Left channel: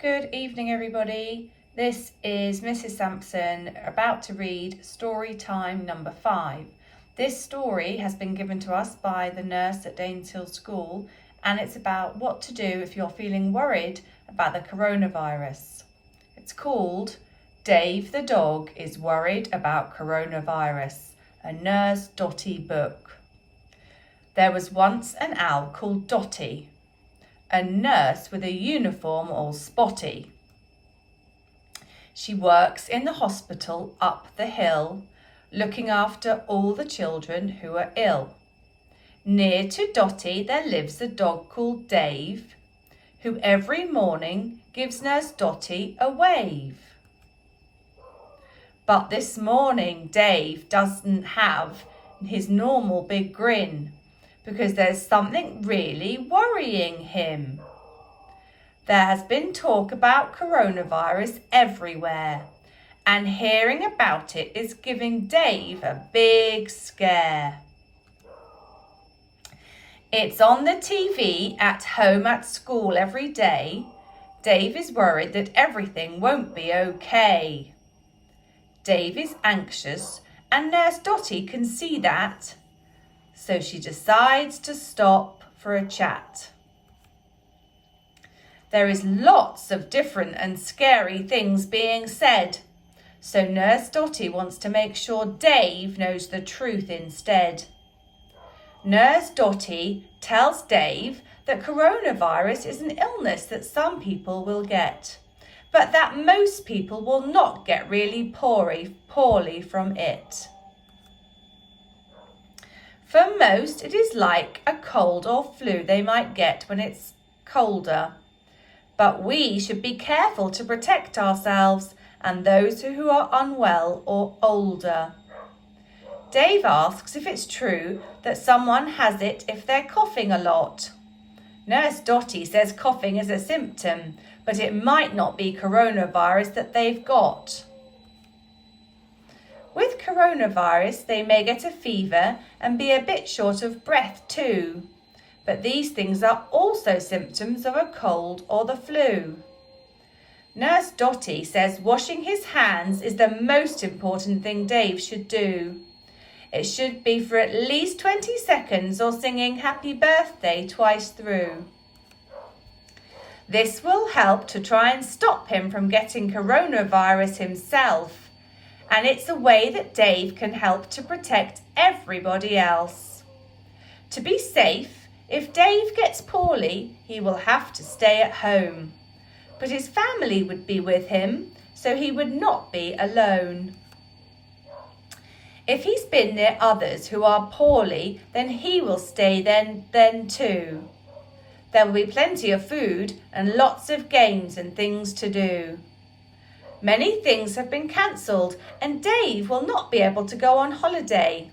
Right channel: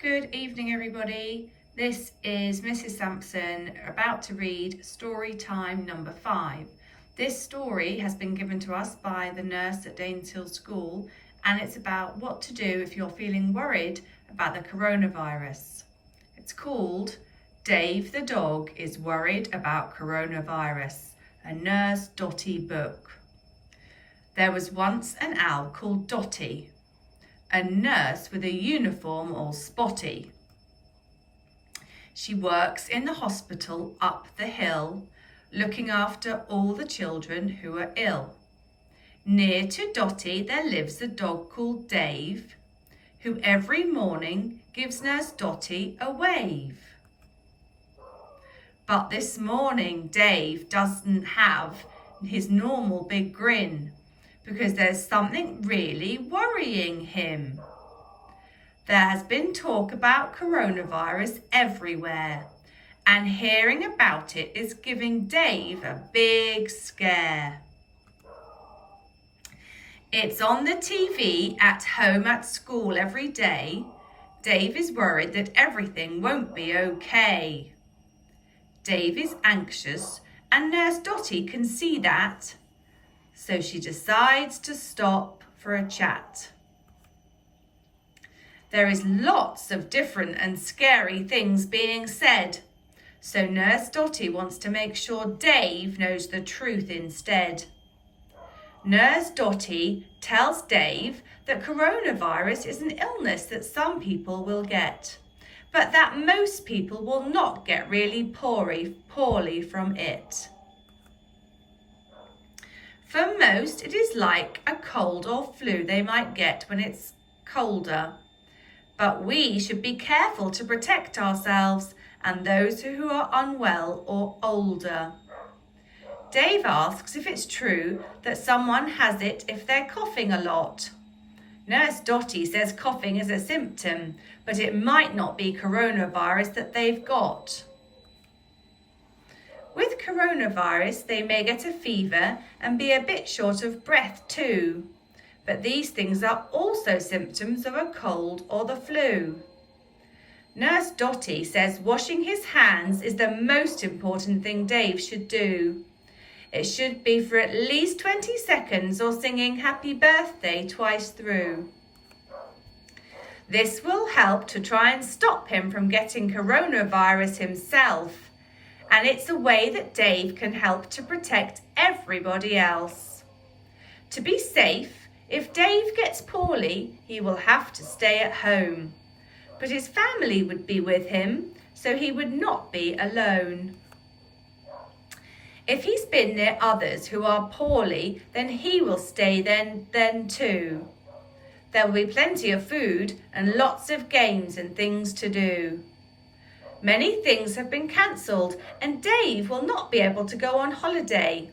Good evening, everybody. This is Mrs. Sampson about to read story time number 5. This story has been given to us by the nurse at Daneshill School, and it's about what to do if you're feeling worried about the coronavirus. It's called Dave the Dog is Worried About Coronavirus, a Nurse Dotty book. There was once an owl called Dotty, a nurse with a uniform all spotty. She works in the hospital up the hill, looking after all the children who are ill. Near to Dotty there lives a dog called Dave, who every morning gives Nurse Dotty a wave. But this morning Dave doesn't have his normal big grin, because there's something really worrying him. There has been talk about coronavirus everywhere, and hearing about it is giving Dave a big scare. It's on the TV at home, at school every day. Dave is worried that everything won't be okay. Dave is anxious, and Nurse Dotty can see that. So she decides to stop for a chat. There is lots of different and scary things being said, so Nurse Dotty wants to make sure Dave knows the truth instead. Nurse Dotty tells Dave that coronavirus is an illness that some people will get, but that most people will not get really poorly from it. For most, it is like a cold or flu they might get when it's colder. But we should be careful to protect ourselves and those who are unwell or older. Dave asks if it's true that someone has it if they're coughing a lot. Nurse Dotty says coughing is a symptom, but it might not be coronavirus that they've got. With coronavirus, they may get a fever and be a bit short of breath too. But these things are also symptoms of a cold or the flu. Nurse Dotty says washing his hands is the most important thing Dave should do. It should be for at least 20 seconds or singing happy birthday twice through. This will help to try and stop him from getting coronavirus himself. And it's a way that Dave can help to protect everybody else. To be safe, if Dave gets poorly, he will have to stay at home. But his family would be with him, so he would not be alone. If he's been near others who are poorly, then he will stay then too. There will be plenty of food and lots of games and things to do. Many things have been cancelled and Dave will not be able to go on holiday.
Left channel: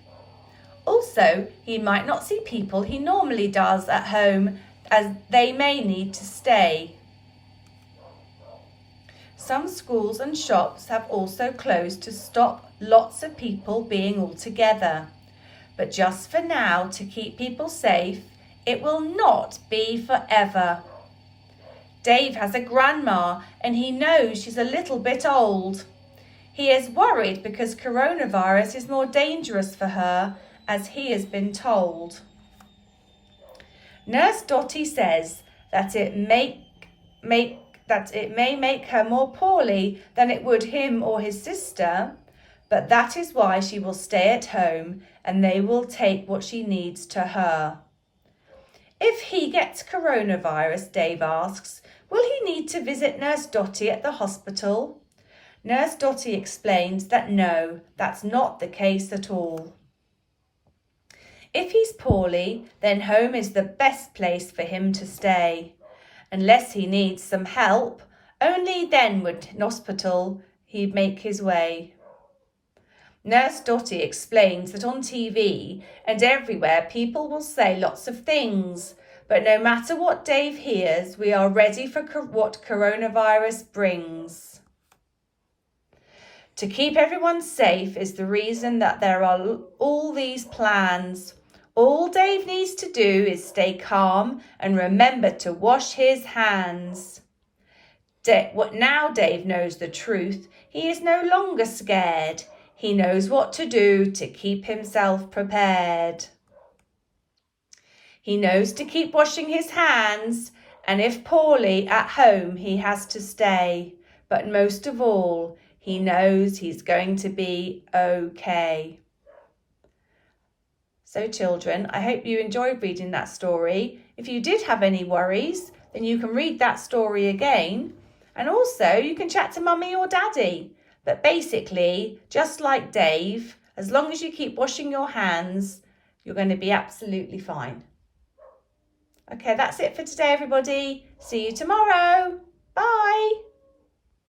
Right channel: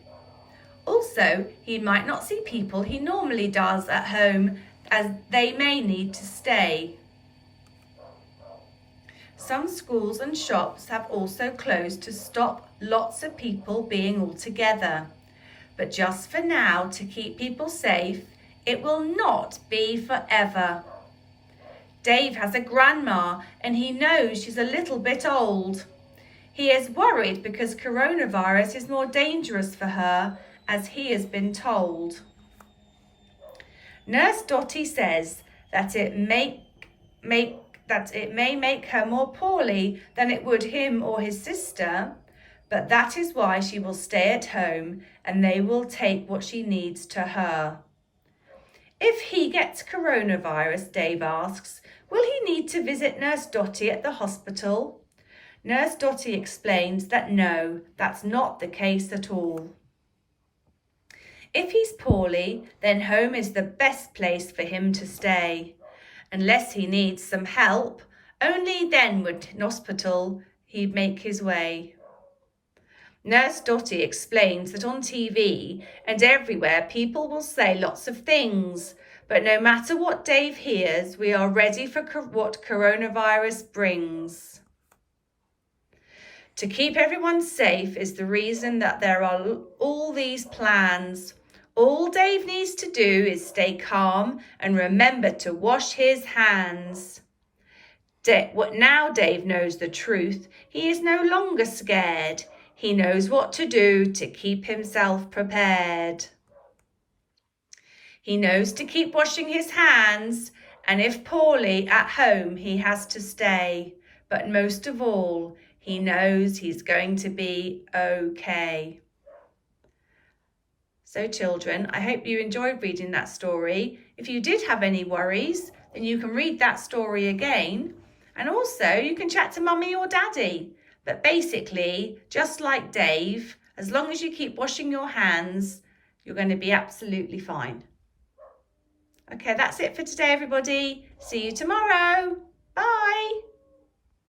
Also, he might not see people he normally does at home, as they may need to stay. Some schools and shops have also closed to stop lots of people being all together. But just for now, to keep people safe, it will not be forever. Dave has a grandma and he knows she's a little bit old. He is worried because coronavirus is more dangerous for her, as he has been told. Nurse Dotty says that it may make her more poorly than it would him or his sister, but that is why she will stay at home and they will take what she needs to her. If he gets coronavirus, Dave asks, will he need to visit Nurse Dotty at the hospital? Nurse Dotty explains that no, that's not the case at all. If he's poorly, then home is the best place for him to stay. Unless he needs some help, only then would hospital he'd make his way. Nurse Dotty explains that on TV and everywhere people will say lots of things, but no matter what Dave hears, we are ready for what coronavirus brings. To keep everyone safe is the reason that there are all these plans. All Dave needs to do is stay calm and remember to wash his hands. Now Dave knows the truth. He is no longer scared. He knows what to do to keep himself prepared. He knows to keep washing his hands, and if poorly at home he has to stay. But most of all, he knows he's going to be okay. So children, I hope you enjoyed reading that story. If you did have any worries, then you can read that story again. And also you can chat to mummy or daddy. But basically, just like Dave, as long as you keep washing your hands, you're going to be absolutely fine. Okay, that's it for today, everybody. See you tomorrow. Bye.